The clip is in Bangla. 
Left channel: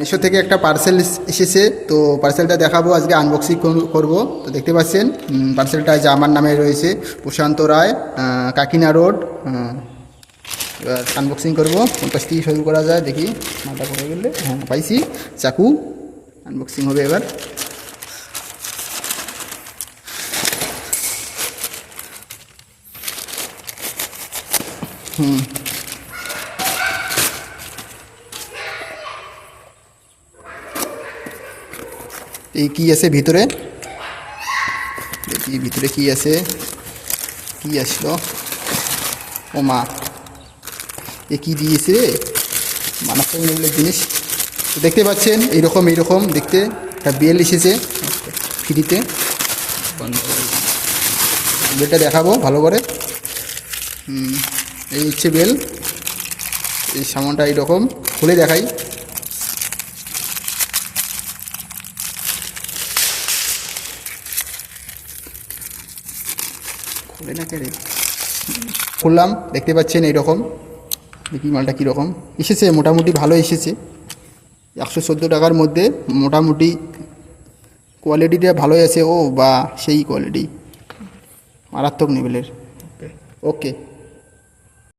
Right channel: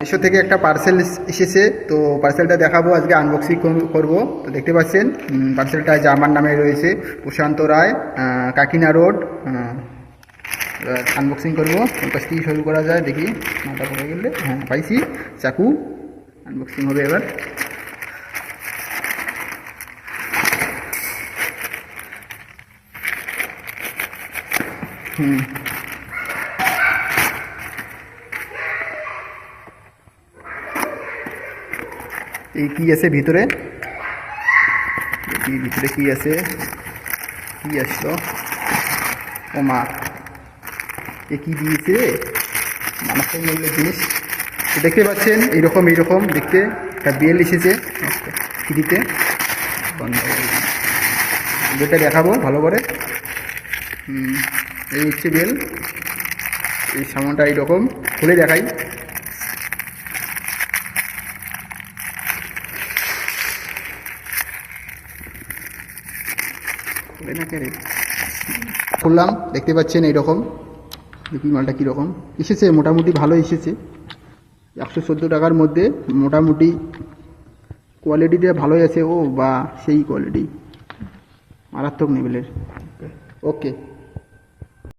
মিশো থেকে একটা পার্সেল এসেছে, তো পার্সেলটা দেখাবো, আজকে আনবক্সিং করব। তো দেখতে পাচ্ছেন পার্সেলটা যে আমার নামে রয়েছে, প্রশান্ত রায়, কাকিনা রোড। আনবক্সিং করবো, ওর কাছ থেকে শুরু করা যায়, দেখি মাথা পড়ে গেলে। হ্যাঁ, পাইছি চাকু। আনবক্সিং হবে এবার। এই কি আছে ভিতরে, দেখি ভিতরে কি আছে, কি আসলো। ও মা, এ কি দিয়েছে রে, মানুষের মূল্যের জিনিস। তো দেখতে পাচ্ছেন এইরকম দেখতে একটা বেল এসেছে ফ্রিতে। বেলটা দেখাবো ভালো করে। এই হচ্ছে বেল, এই সামানটা এইরকম খুলে দেখাই। খুলে না কে রে, খুললাম, দেখতে পাচ্ছেন এইরকম। দেখি মালটা কীরকম এসেছে, মোটামুটি ভালো এসেছে। 114 টাকার মধ্যে মোটামুটি কোয়ালিটিটা ভালোই আছে। ও বা সেই কোয়ালিটি, মারাত্মক লেভেলের। ওকে।